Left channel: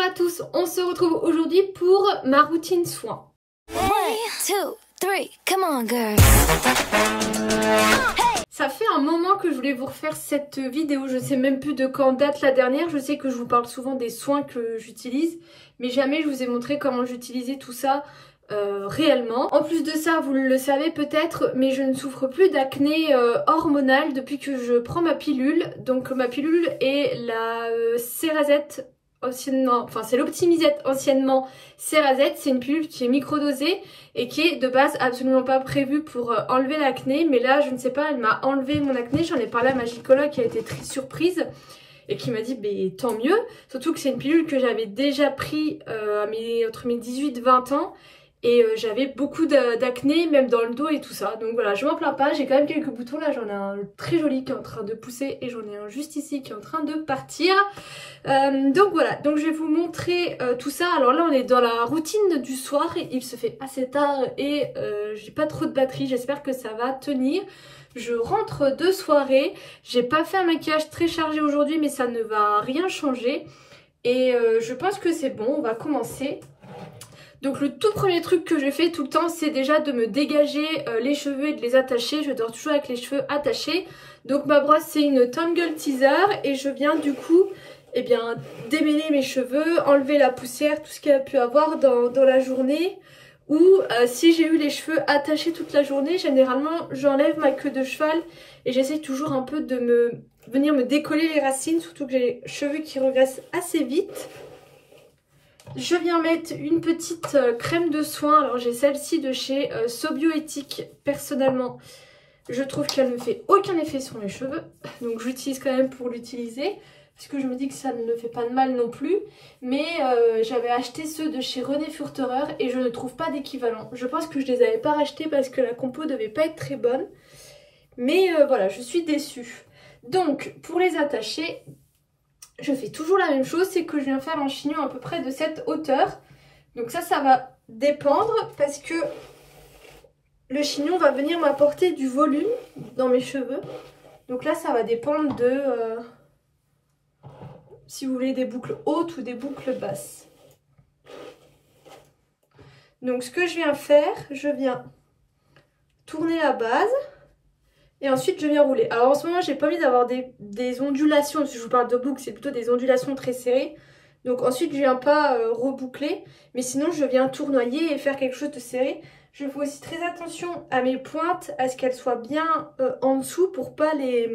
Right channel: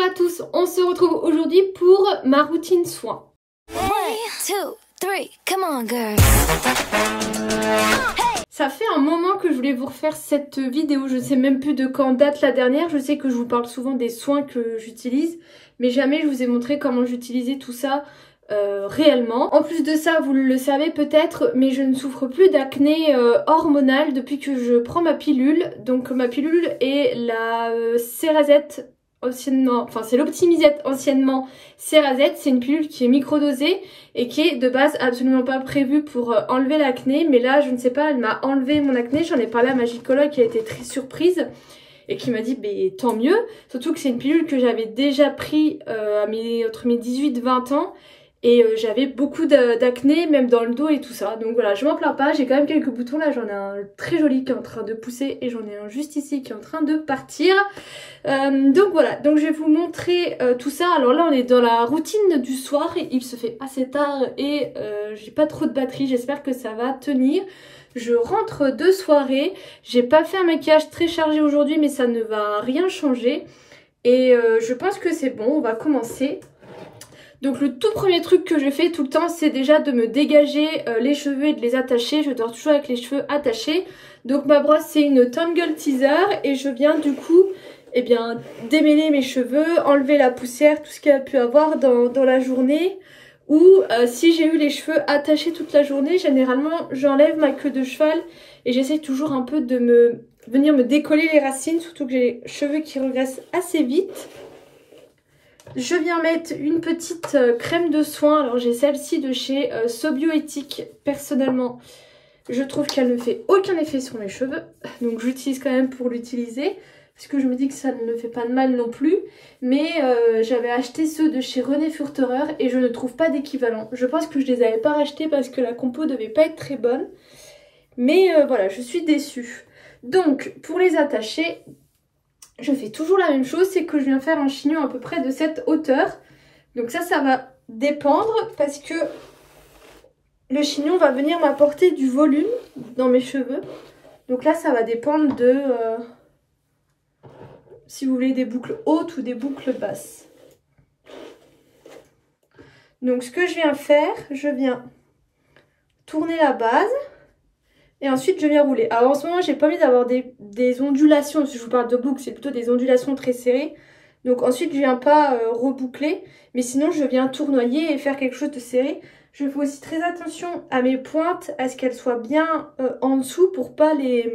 Bonjour à tous, on se retrouve aujourd'hui pour ma routine soins. 1, 2, 3, come on girl. Ça fait un moment que je voulais vous refaire cette vidéo, je ne sais même plus de quand date la dernière. Je sais que je vous parle souvent des soins que j'utilise, mais jamais je vous ai montré comment j'utilisais tout ça réellement. En plus de ça, vous le savez peut-être, mais je ne souffre plus d'acné hormonale depuis que je prends ma pilule. Donc ma pilule est la Cerazette, anciennement, enfin c'est l'Optimisette anciennement Cerazette. C'est une pilule qui est microdosée et qui est de base absolument pas prévue pour enlever l'acné. Mais là, je ne sais pas, elle m'a enlevé mon acné. J'en ai parlé à ma gynécologue qui a été très surprise et qui m'a dit tant mieux. Surtout que c'est une pilule que j'avais déjà pris entre mes 18 et 20 ans. Et j'avais beaucoup d'acné, même dans le dos et tout ça. Donc voilà, je m'en plains pas. J'ai quand même quelques boutons. Là, j'en ai un très joli qui est en train de pousser. Et j'en ai un juste ici qui est en train de partir. Donc voilà, donc je vais vous montrer tout ça. Alors là, on est dans la routine du soir. Il se fait assez tard et j'ai pas trop de batterie. J'espère que ça va tenir. Je rentre de soirée. J'ai pas fait un maquillage très chargé aujourd'hui, mais ça ne va rien changer. Et je pense que c'est bon. On va commencer. Donc le tout premier truc que je fais tout le temps, c'est déjà de me dégager les cheveux et de les attacher. Je dors toujours avec les cheveux attachés. Donc ma brosse, c'est une Tangle Teaser et je viens du coup démêler mes cheveux, enlever la poussière, tout ce qu'il y a pu avoir dans la journée. Ou si j'ai eu les cheveux attachés toute la journée, généralement j'enlève ma queue de cheval et j'essaie toujours un peu de venir me décoller les racines, surtout que j'ai les cheveux qui regressent assez vite. Je viens mettre une petite crème de soin. Alors j'ai celle-ci de chez Sobioéthique. Personnellement, je trouve qu'elle ne fait aucun effet sur mes cheveux. Donc j'utilise quand même pour l'utiliser. Parce que je me dis que ça ne fait pas de mal non plus. Mais j'avais acheté ceux de chez René Furterer et je ne trouve pas d'équivalent. Je pense que je les avais pas rachetés parce que la compo devait pas être très bonne. Mais voilà, je suis déçue. Donc pour les attacher, je fais toujours la même chose, c'est que je viens faire un chignon à peu près de cette hauteur. Donc ça va dépendre parce que le chignon va venir m'apporter du volume dans mes cheveux. Donc là, ça va dépendre de si vous voulez des boucles hautes ou des boucles basses. Donc ce que je viens faire, je viens tourner la base. Et ensuite, je viens rouler. Alors en ce moment, j'ai pas envie d'avoir des ondulations. Si je vous parle de boucles, c'est plutôt des ondulations très serrées. Donc ensuite, je viens pas reboucler. Mais sinon, je viens tournoyer et faire quelque chose de serré. Je fais aussi très attention à mes pointes, à ce qu'elles soient bien en dessous pour pas les...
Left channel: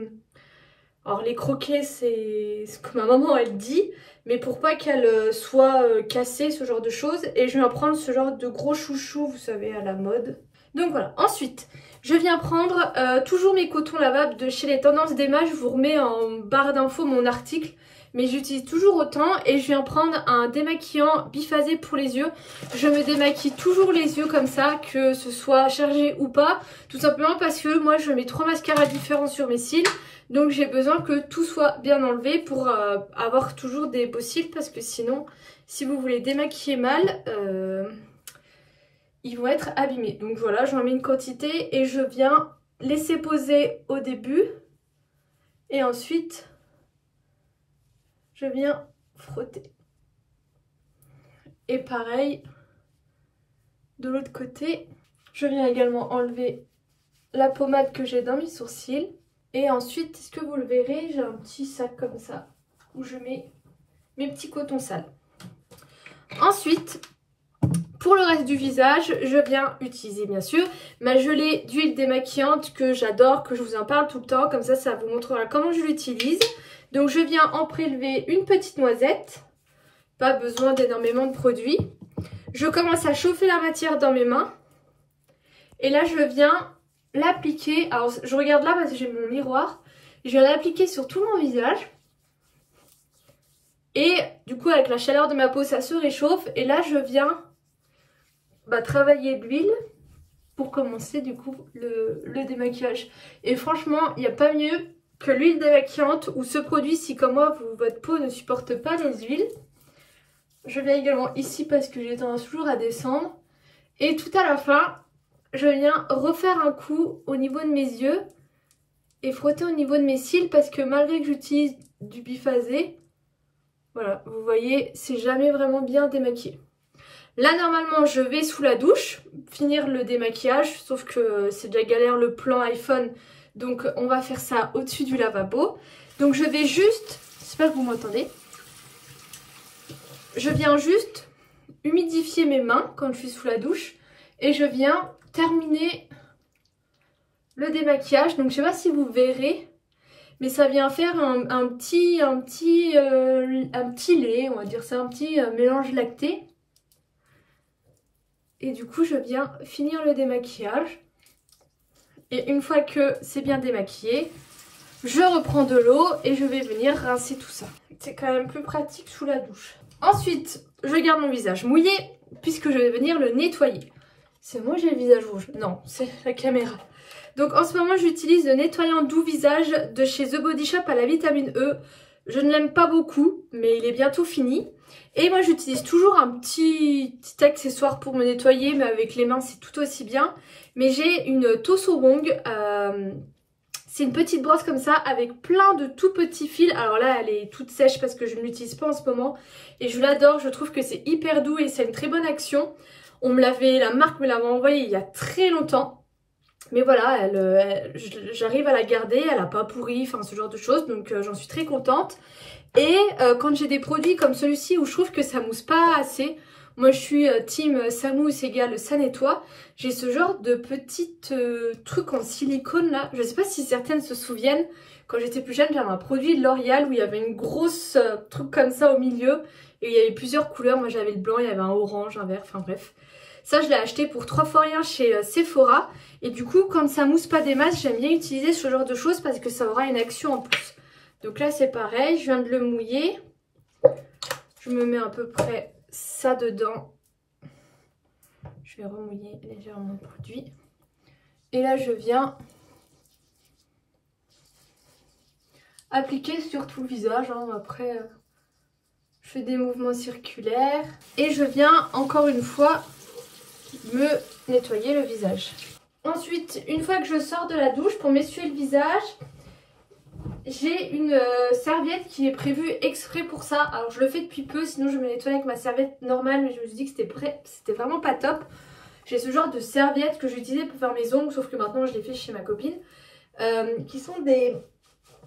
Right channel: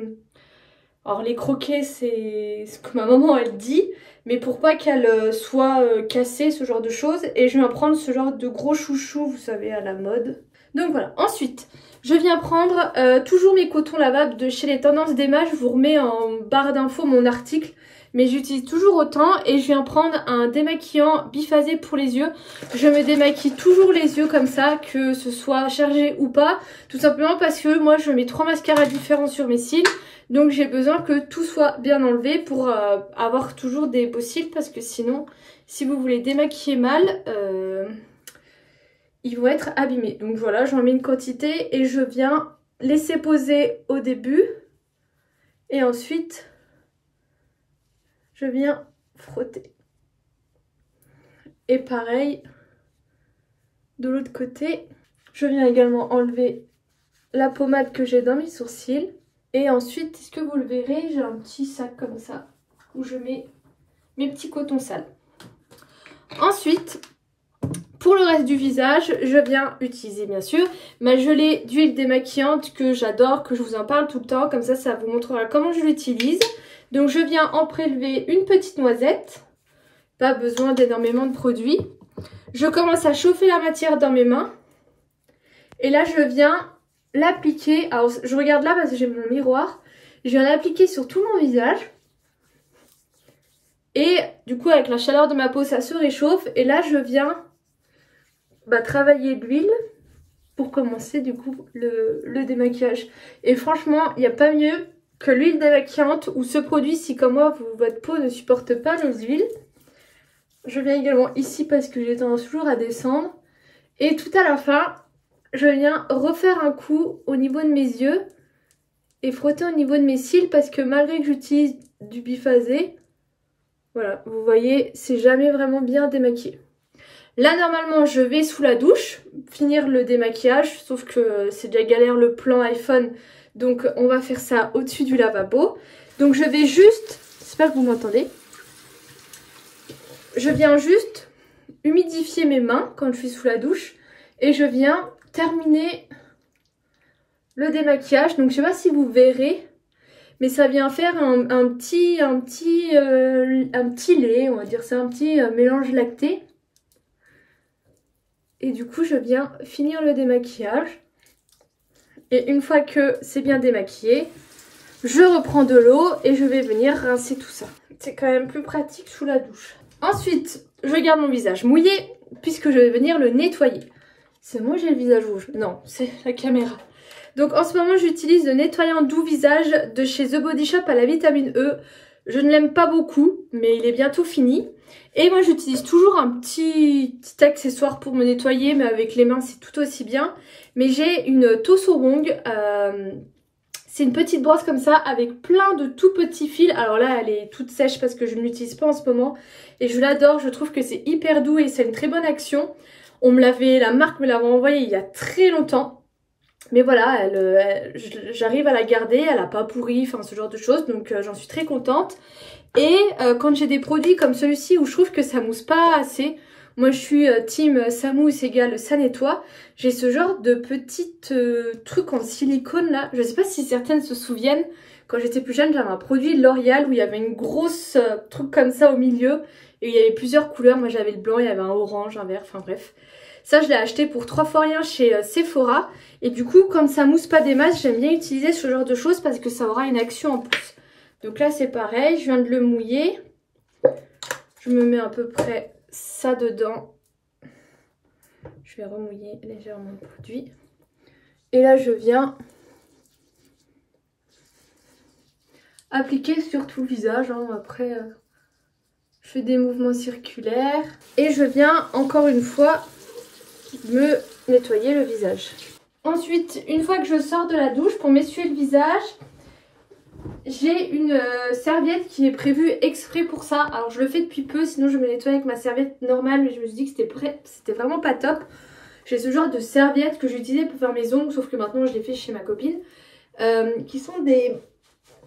Alors les croquer, c'est ce que ma maman, elle dit. Mais pour pas qu'elles soient cassées, ce genre de choses. Et je viens prendre ce genre de gros chouchou, vous savez, à la mode. Donc voilà. Ensuite, je viens prendre toujours mes cotons lavables de chez les Tendances d'Emma. Je vous remets en barre d'infos mon article. Mais j'utilise toujours autant et je viens prendre un démaquillant biphasé pour les yeux. Je me démaquille toujours les yeux comme ça, que ce soit chargé ou pas. Tout simplement parce que moi je mets 3 mascaras différents sur mes cils. Donc j'ai besoin que tout soit bien enlevé pour avoir toujours des beaux cils. Parce que sinon, si vous voulez démaquiller mal... ils vont être abîmés. Donc voilà, j'en mets une quantité et je viens laisser poser au début. Et ensuite, je viens frotter. Et pareil, de l'autre côté, je viens également enlever la pommade que j'ai dans mes sourcils. Et ensuite, est-ce que vous le verrez, j'ai un petit sac comme ça où je mets mes petits cotons sales. Ensuite... pour le reste du visage, je viens utiliser bien sûr ma gelée d'huile démaquillante que j'adore, que je vous en parle tout le temps. Comme ça, ça vous montrera comment je l'utilise. Donc je viens en prélever une petite noisette. Pas besoin d'énormément de produits. Je commence à chauffer la matière dans mes mains. Et là, je viens l'appliquer. Alors, je regarde là parce que j'ai mon miroir. Je viens l'appliquer sur tout mon visage. Et du coup, avec la chaleur de ma peau, ça se réchauffe. Et là, je viens... travailler l'huile pour commencer du coup le démaquillage. Et franchement, il n'y a pas mieux que l'huile démaquillante ou ce produit si comme moi votre peau ne supporte pas les huiles. Je viens également ici parce que j'ai tendance toujours à descendre. Et tout à la fin, je viens refaire un coup au niveau de mes yeux et frotter au niveau de mes cils parce que malgré que j'utilise du biphasé, Voilà, vous voyez, c'est jamais vraiment bien démaquillé. Là, normalement, je vais sous la douche finir le démaquillage, sauf que c'est déjà galère le plan iPhone, donc on va faire ça au-dessus du lavabo. Donc je vais juste, j'espère que vous m'entendez, je viens juste humidifier mes mains quand je suis sous la douche et je viens terminer le démaquillage. Donc je sais pas si vous verrez, mais ça vient faire un petit lait, on va dire c'est un petit mélange lacté. Et du coup je viens finir le démaquillage. Et une fois que c'est bien démaquillé, je reprends de l'eau et je vais venir rincer tout ça. C'est quand même plus pratique sous la douche. Ensuite, je garde mon visage mouillé puisque je vais venir le nettoyer. C'est moi j'ai le visage rouge? Non, c'est la caméra. Donc en ce moment j'utilise le nettoyant doux visage de chez The Body Shop à la vitamine E. Je ne l'aime pas beaucoup, mais il est bientôt fini. Et moi j'utilise toujours un petit accessoire pour me nettoyer, mais avec les mains c'est tout aussi bien. Mais j'ai une Toso Wong, c'est une petite brosse comme ça avec plein de tout petits fils. Alors là elle est toute sèche parce que je ne l'utilise pas en ce moment. Et je l'adore, je trouve que c'est hyper doux et c'est une très bonne action. La marque me l'avait envoyée il y a très longtemps. Mais voilà, j'arrive à la garder, elle n'a pas pourri, enfin ce genre de choses, donc j'en suis très contente. Et quand j'ai des produits comme celui-ci où je trouve que ça mousse pas assez, moi je suis team ça mousse égale ça nettoie, j'ai ce genre de petites trucs en silicone là. Je sais pas si certaines se souviennent, quand j'étais plus jeune j'avais un produit L'Oréal où il y avait une grosse truc comme ça au milieu et il y avait plusieurs couleurs. Moi j'avais le blanc, il y avait un orange, un vert, enfin bref. Ça, je l'ai acheté pour 3 fois rien chez Sephora. Et du coup, comme ça mousse pas des masses, j'aime bien utiliser ce genre de choses parce que ça aura une action en plus. Donc là, c'est pareil. Je viens de le mouiller. Je me mets à peu près ça dedans. Je vais remouiller légèrement le produit. Et là, je viens appliquer sur tout le visage. Hein. Après, je fais des mouvements circulaires. Et je viens, encore une fois, me nettoyer le visage. Ensuite, une fois que je sors de la douche pour m'essuyer le visage, j'ai une serviette qui est prévue exprès pour ça. Alors je le fais depuis peu, sinon je me nettoie avec ma serviette normale, mais je me suis dit que c'était vraiment pas top. J'ai ce genre de serviette que j'utilisais pour faire mes ongles, sauf que maintenant je les fais chez ma copine, qui sont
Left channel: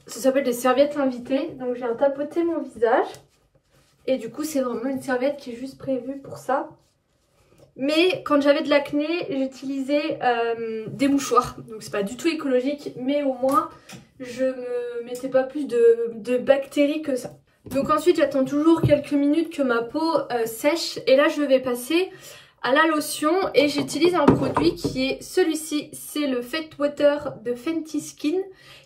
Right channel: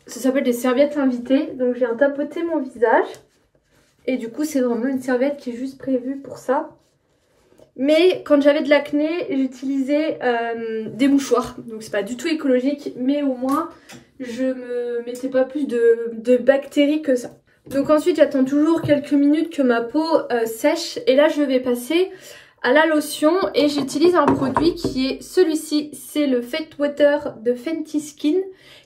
ça s'appelle des serviettes invitées. Donc je viens tapoter mon visage et du coup c'est vraiment une serviette qui est juste prévue pour ça. Mais quand j'avais de l'acné, j'utilisais des mouchoirs. Donc c'est pas du tout écologique, mais au moins je me mettais pas plus de bactéries que ça. Donc ensuite j'attends toujours quelques minutes que ma peau sèche. Et là je vais passer à la lotion. Et j'utilise un produit qui est celui-ci. C'est le Fet Water de Fenty Skin,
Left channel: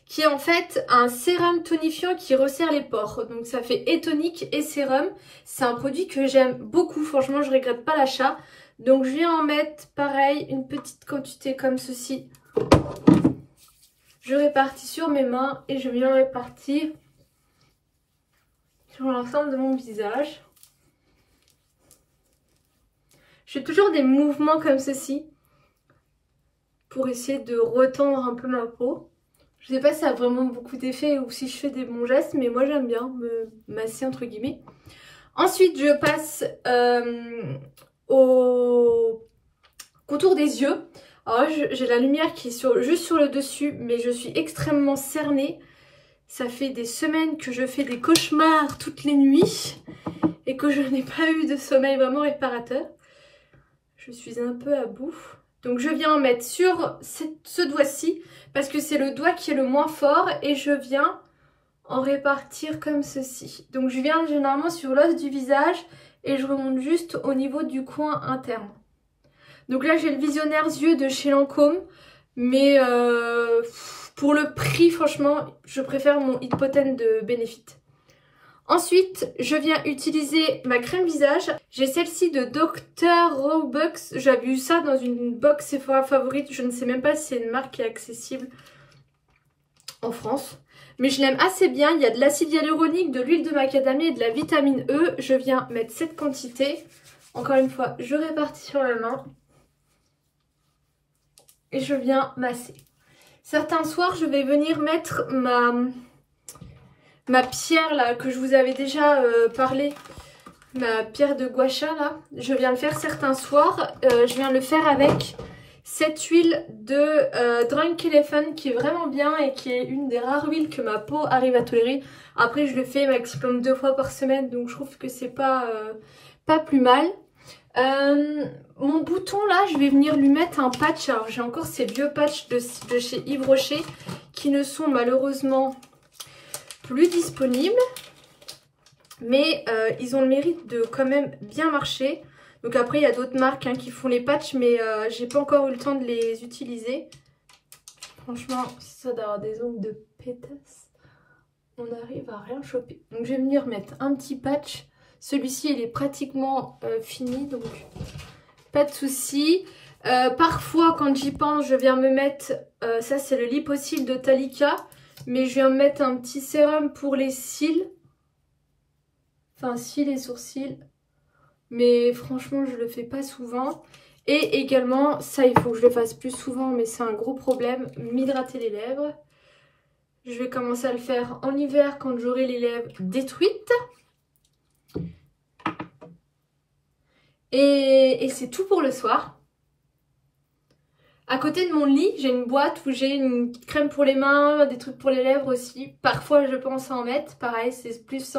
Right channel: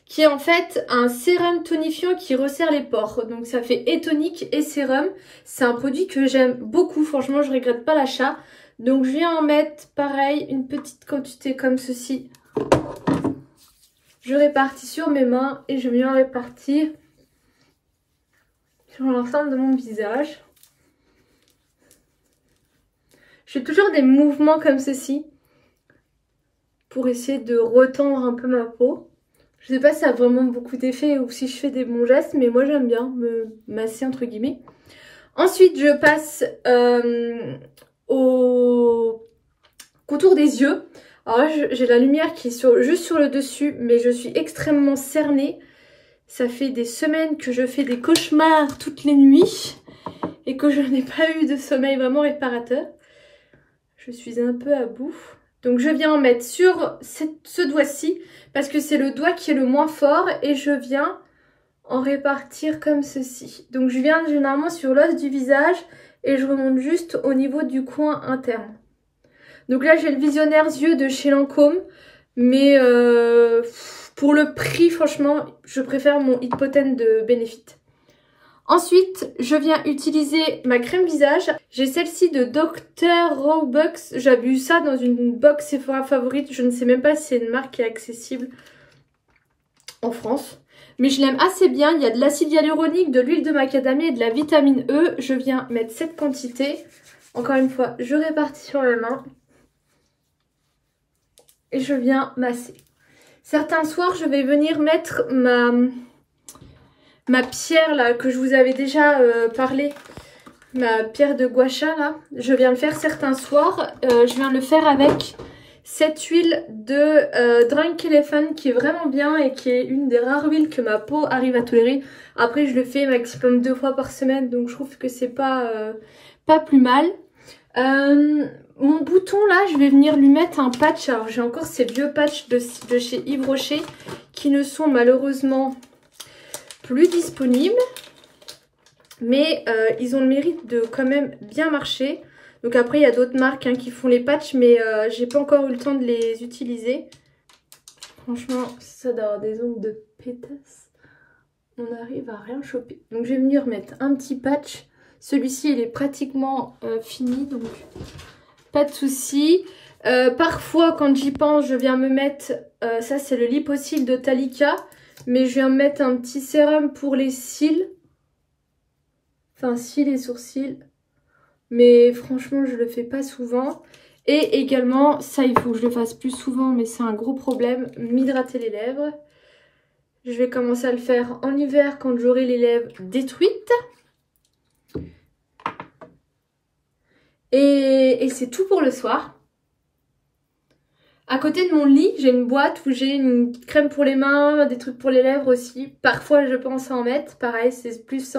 qui est en fait un sérum tonifiant qui resserre les pores. Donc ça fait et tonique et sérum. C'est un produit que j'aime beaucoup. Franchement je regrette pas l'achat. Donc je viens en mettre pareil une petite quantité comme ceci. Je répartis sur mes mains et je viens répartir sur l'ensemble de mon visage. Je fais toujours des mouvements comme ceci pour essayer de retendre un peu ma peau. Je sais pas si ça a vraiment beaucoup d'effet ou si je fais des bons gestes, mais moi j'aime bien me masser entre guillemets. Ensuite je passe au contour des yeux. Alors là j'ai la lumière qui est juste sur le dessus, mais je suis extrêmement cernée. Ça fait des semaines que je fais des cauchemars toutes les nuits et que je n'ai pas eu de sommeil vraiment réparateur. Je suis un peu à bout. Donc je viens en mettre sur ce doigt-ci parce que c'est le doigt qui est le moins fort et je viens en répartir comme ceci. Donc je viens généralement sur l'os du visage et je remonte juste au niveau du coin interne. Donc là j'ai le visionnaire yeux de chez Lancôme, mais pour le prix franchement je préfère mon Hit Potent de Benefit. Ensuite je viens utiliser ma crème visage. J'ai celle-ci de Dr. Robux. J'ai vu ça dans une box Sephora favorite. Je ne sais même pas si c'est une marque qui est accessible en France. Mais je l'aime assez bien. Il y a de l'acide hyaluronique, de l'huile de macadamia et de la vitamine E. Je viens mettre cette quantité. Encore une fois, je répartis sur la main. Et je viens masser. Certains soirs, je vais venir mettre ma pierre là que je vous avais déjà parlé. Ma pierre de gua sha là. Je viens le faire certains soirs. Je viens le faire avec cette huile de Drunk Elephant qui est vraiment bien et qui est une des rares huiles que ma peau arrive à tolérer. Après je le fais maximum 2 fois par semaine donc je trouve que c'est pas plus mal. Mon bouton là je vais venir lui mettre un patch. Alors j'ai encore ces vieux patchs de chez Yves Rocher qui ne sont malheureusement plus disponibles. Mais ils ont le mérite de quand même bien marcher. Donc après il y a d'autres marques hein, qui font les patchs mais j'ai pas encore eu le temps de les utiliser. Franchement ça d'avoir des ongles de pétasse, on arrive à rien choper. Donc je vais venir mettre un petit patch. Celui-ci il est pratiquement fini donc pas de souci. Parfois quand j'y pense je viens me mettre, ça c'est le Liposil de Talika. Mais je viens me mettre un petit sérum pour les cils. Enfin cils et sourcils. Mais franchement je le fais pas souvent. Et également ça il faut que je le fasse plus souvent mais c'est un gros problème. M'hydrater les lèvres. Je vais commencer à le faire en hiver quand j'aurai les lèvres détruites. Et c'est tout pour le soir. À côté de mon lit, j'ai une boîte où j'ai une crème pour les mains, des trucs pour les lèvres aussi. Parfois, je pense à en mettre. Pareil, c'est plus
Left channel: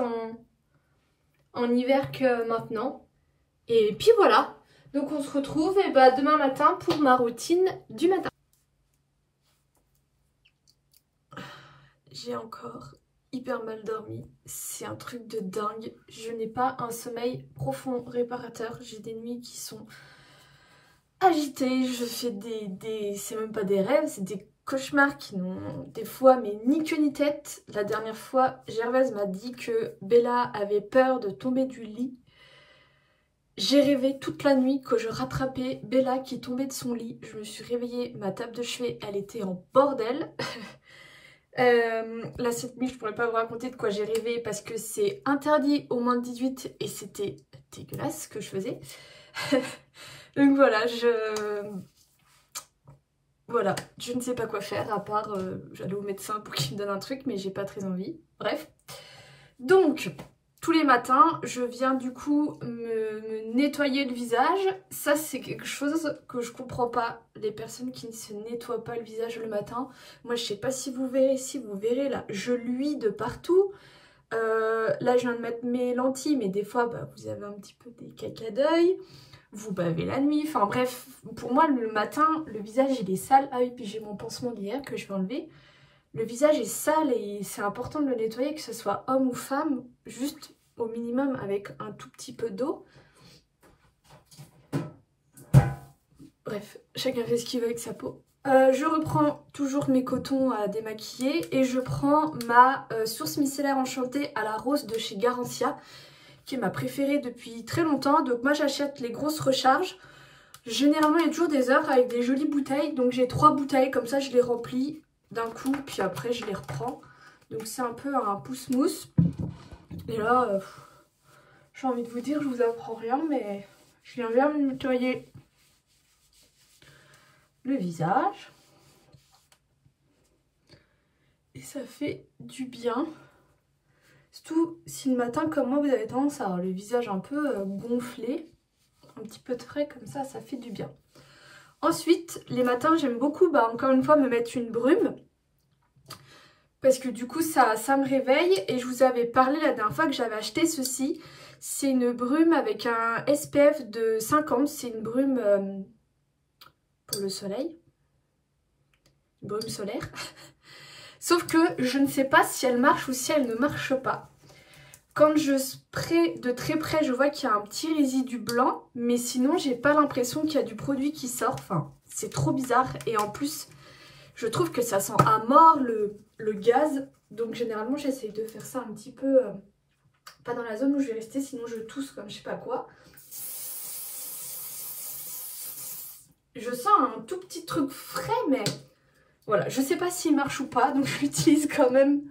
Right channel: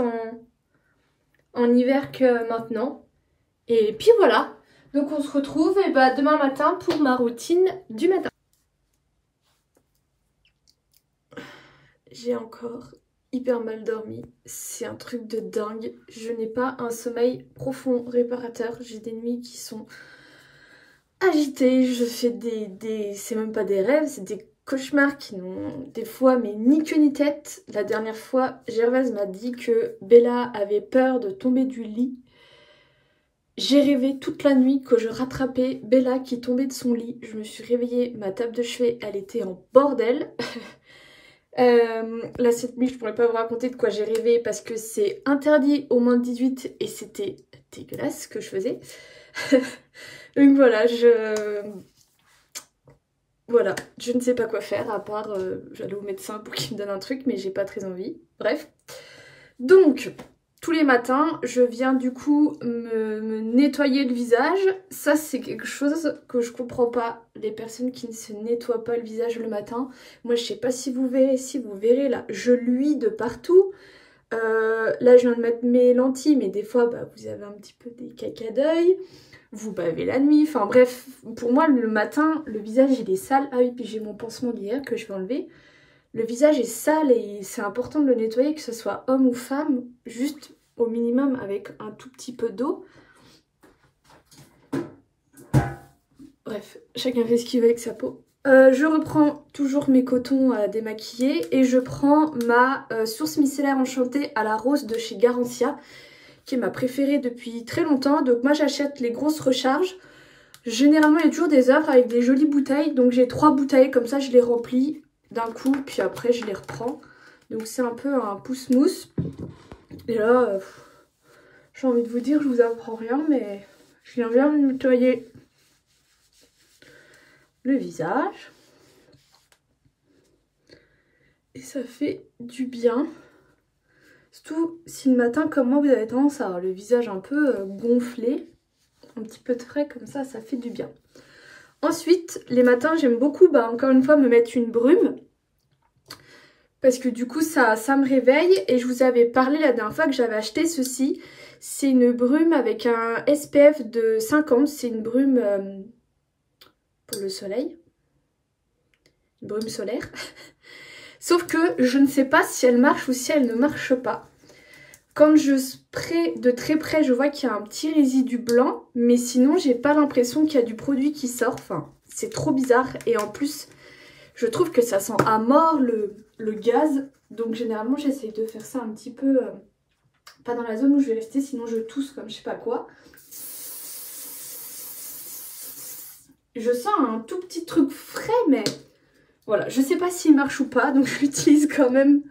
en hiver que maintenant. Et puis voilà. Donc, on se retrouve demain matin pour ma routine du matin. J'ai encore hyper mal dormi. C'est un truc de dingue. Je n'ai pas un sommeil profond réparateur. J'ai des nuits qui sont agitée, je fais c'est même pas des rêves, c'est des cauchemars qui n'ont des fois mais ni queue ni tête. La dernière fois, Gervaise m'a dit que Bella avait peur de tomber du lit. J'ai rêvé toute la nuit que je rattrapais Bella qui tombait de son lit. Je me suis réveillée, ma table de chevet, elle était en bordel. Là cette nuit, je pourrais pas vous raconter de quoi j'ai rêvé parce que c'est interdit au moins de 18 et c'était dégueulasse ce que je faisais. Donc voilà, je ne sais pas quoi faire à part j'allais au médecin pour qu'il me donne un truc mais j'ai pas très envie. Bref. Donc, tous les matins, je viens du coup me nettoyer le visage. Ça, c'est quelque chose que je comprends pas. Les personnes qui ne se nettoient pas le visage le matin. Moi, je sais pas si vous verrez là, je luis de partout. Là, je viens de mettre mes lentilles, mais des fois, vous avez un petit peu des caca d'œil. Vous bavez la nuit, enfin bref, pour moi le matin, le visage il est sale. Ah oui, puis j'ai mon pansement d'hier que je vais enlever. Le visage est sale et c'est important de le nettoyer, que ce soit homme ou femme, juste au minimum avec un tout petit peu d'eau. Bref, chacun fait ce qu'il veut avec sa peau. Je reprends toujours mes cotons à démaquiller et je prends ma source micellaire enchantée à la rose de chez Garantia, qui est ma préférée depuis très longtemps. Donc moi j'achète les grosses recharges. Généralement il y a toujours des offres avec des jolies bouteilles. Donc j'ai 3 bouteilles, comme ça je les remplis d'un coup. Puis après je les reprends. Donc c'est un peu un pousse-mousse. Et là, j'ai envie de vous dire, je vous apprends rien. Mais je viens bien me nettoyer le visage. Et ça fait du bien. Surtout si le matin, comme moi, vous avez tendance à avoir le visage un peu gonflé, un petit peu de frais comme ça fait du bien. Ensuite, les matins, j'aime beaucoup, encore une fois, me mettre une brume. Parce que du coup, ça me réveille. Et je vous avais parlé la dernière fois que j'avais acheté ceci. C'est une brume avec un SPF de 50. C'est une brume pour le soleil. Une brume solaire. Sauf que je ne sais pas si elle marche ou si elle ne marche pas. Quand je spray de très près, je vois qu'il y a un petit résidu blanc. Mais sinon, j'ai pas l'impression qu'il y a du produit qui sort. Enfin, c'est trop bizarre. Et en plus, je trouve que ça sent à mort le gaz. Donc généralement, j'essaye de faire ça un petit peu... pas dans la zone où je vais rester, sinon je tousse comme je sais pas quoi. Je sens un tout petit truc frais, mais... voilà, je sais pas s'il marche ou pas, donc je l'utilise quand même.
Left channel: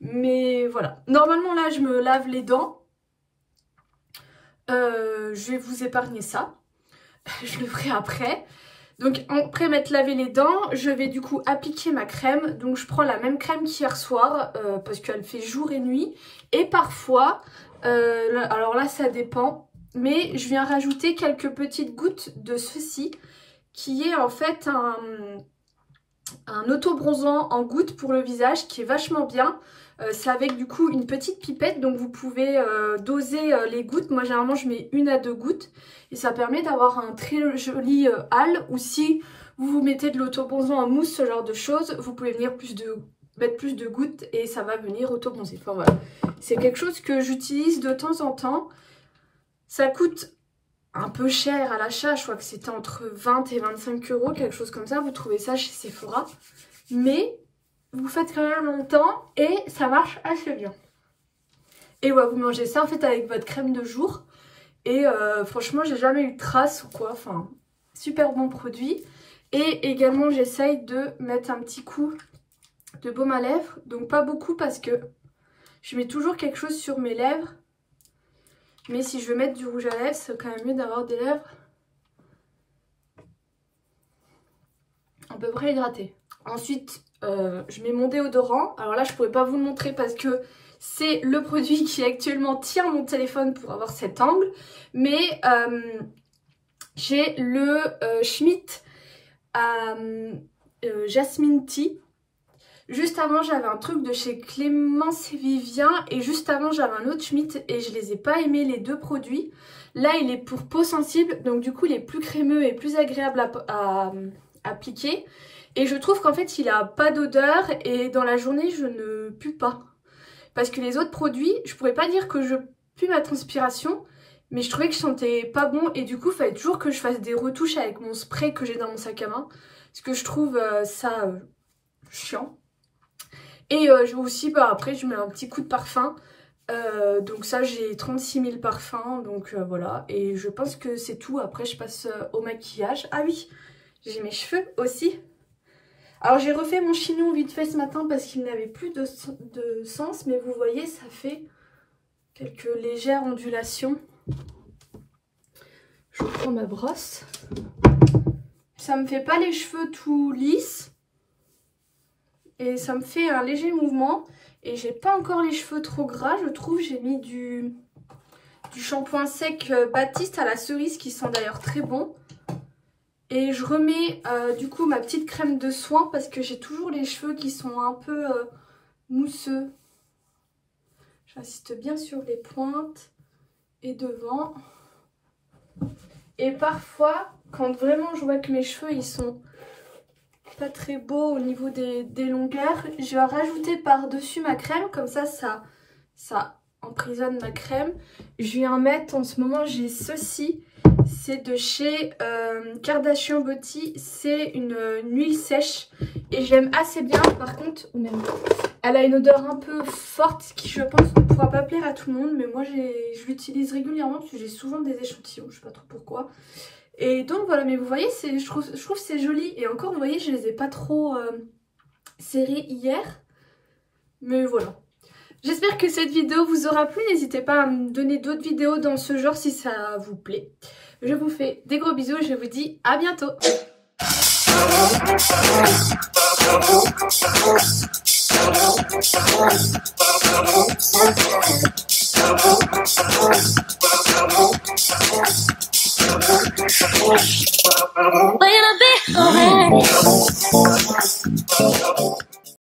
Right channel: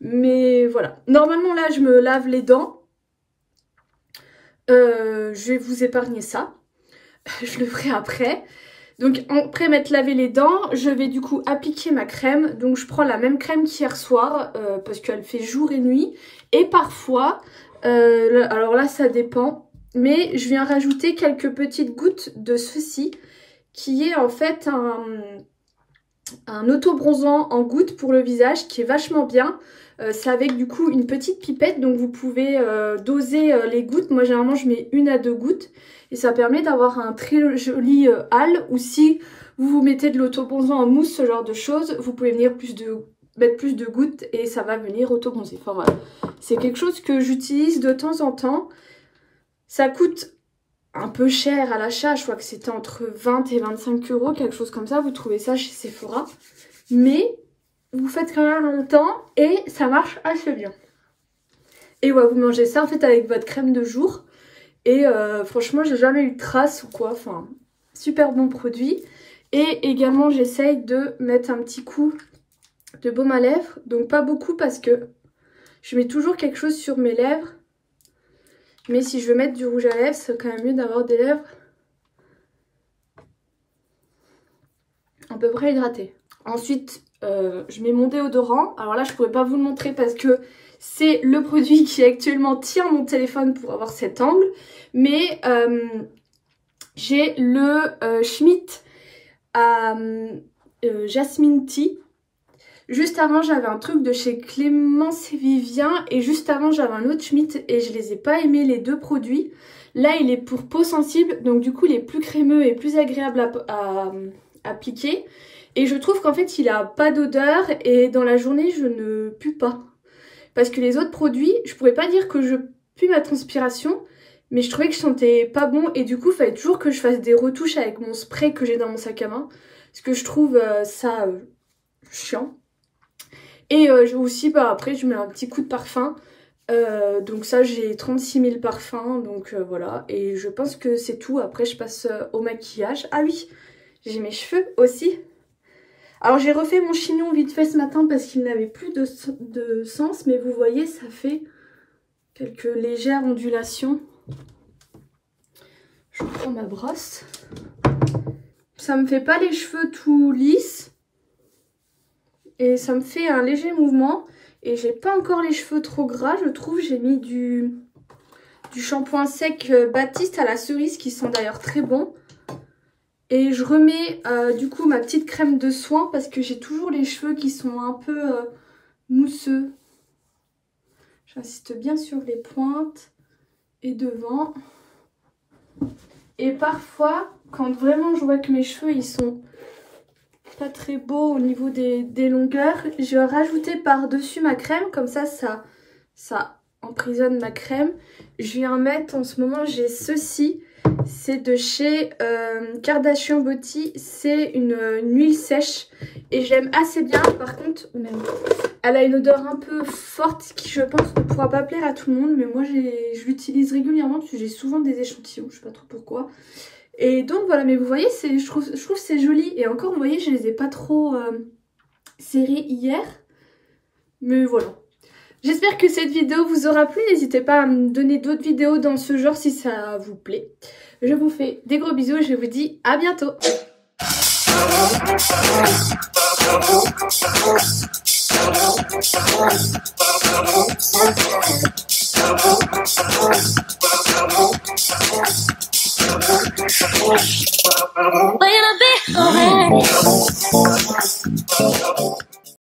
Mais voilà. Normalement, là, je me lave les dents. Je vais vous épargner ça. Je le ferai après. Donc après m'être lavé les dents, je vais du coup appliquer ma crème. Donc je prends la même crème qu'hier soir parce qu'elle fait jour et nuit. Et parfois, alors là ça dépend, mais je viens rajouter quelques petites gouttes de ceci qui est en fait un auto-bronzant en gouttes pour le visage qui est vachement bien. C'est avec du coup une petite pipette, donc vous pouvez doser les gouttes. Moi généralement je mets 1 à 2 gouttes et ça permet d'avoir un très joli hâle. Ou si vous mettez de l'auto-bronzant en mousse, ce genre de choses, vous pouvez venir mettre plus de gouttes et ça va venir auto-bronzer. Enfin voilà, c'est quelque chose que j'utilise de temps en temps. Ça coûte un peu cher à l'achat, je crois que c'était entre 20 et 25 €, quelque chose comme ça. Vous trouvez ça chez Sephora. Mais vous faites quand même longtemps et ça marche assez bien. Et ouais, vous mangez ça en fait avec votre crème de jour. Et franchement, j'ai jamais eu de traces ou quoi. Enfin, super bon produit. Et également, j'essaye de mettre un petit coup de baume à lèvres. Donc pas beaucoup parce que je mets toujours quelque chose sur mes lèvres. Mais si je veux mettre du rouge à lèvres, c'est quand même mieux d'avoir des lèvres à peu près hydratées. Ensuite, je mets mon déodorant. Alors là, je ne pourrais pas vous le montrer parce que c'est le produit qui actuellement tient mon téléphone pour avoir cet angle. Mais j'ai le Schmitt à Jasmine Tea. Juste avant, j'avais un truc de chez Clémence et Vivien. Et juste avant, j'avais un autre Schmitt. Et je les ai pas aimés, les deux produits. Là, il est pour peau sensible. Donc du coup, il est plus crémeux et plus agréable à appliquer. Et je trouve qu'en fait, il a pas d'odeur. Et dans la journée, je ne pue pas. Parce que les autres produits, je pourrais pas dire que je pue ma transpiration. Mais je trouvais que je sentais pas bon. Et du coup, il fallait toujours que je fasse des retouches avec mon spray que j'ai dans mon sac à main. Parce que je trouve ça chiant. Et aussi, après, je mets un petit coup de parfum. Donc ça, j'ai 36 000 parfums. Donc voilà. Et je pense que c'est tout. Après, je passe au maquillage. Ah oui, j'ai mes cheveux aussi. Alors, j'ai refait mon chignon vite fait ce matin parce qu'il n'avait plus de sens. Mais vous voyez, ça fait quelques légères ondulations. Je prends ma brosse. Ça me fait pas les cheveux tout lisses. Et ça me fait un léger mouvement. Et j'ai pas encore les cheveux trop gras, je trouve. J'ai mis du shampoing sec Baptiste à la cerise qui sent d'ailleurs très bon. Et je remets du coup ma petite crème de soin parce que j'ai toujours les cheveux qui sont un peu mousseux. J'insiste bien sur les pointes et devant. Et parfois, quand vraiment je vois que mes cheveux ils sont pas très beau au niveau des longueurs, je vais rajouter par-dessus ma crème, comme ça emprisonne ma crème. Je viens mettre, en ce moment j'ai ceci, c'est de chez Kardashian Beauty, c'est une huile sèche et j'aime assez bien. Par contre, elle a une odeur un peu forte qui je pense ne pourra pas plaire à tout le monde, mais moi je l'utilise régulièrement parce que j'ai souvent des échantillons, je sais pas trop pourquoi. Et donc voilà, mais vous voyez, je trouve que c'est joli. Et encore, vous voyez, je les ai pas trop serrés hier. Mais voilà. J'espère que cette vidéo vous aura plu. N'hésitez pas à me donner d'autres vidéos dans ce genre si ça vous plaît. Je vous fais des gros bisous et je vous dis à bientôt. Wait a bit.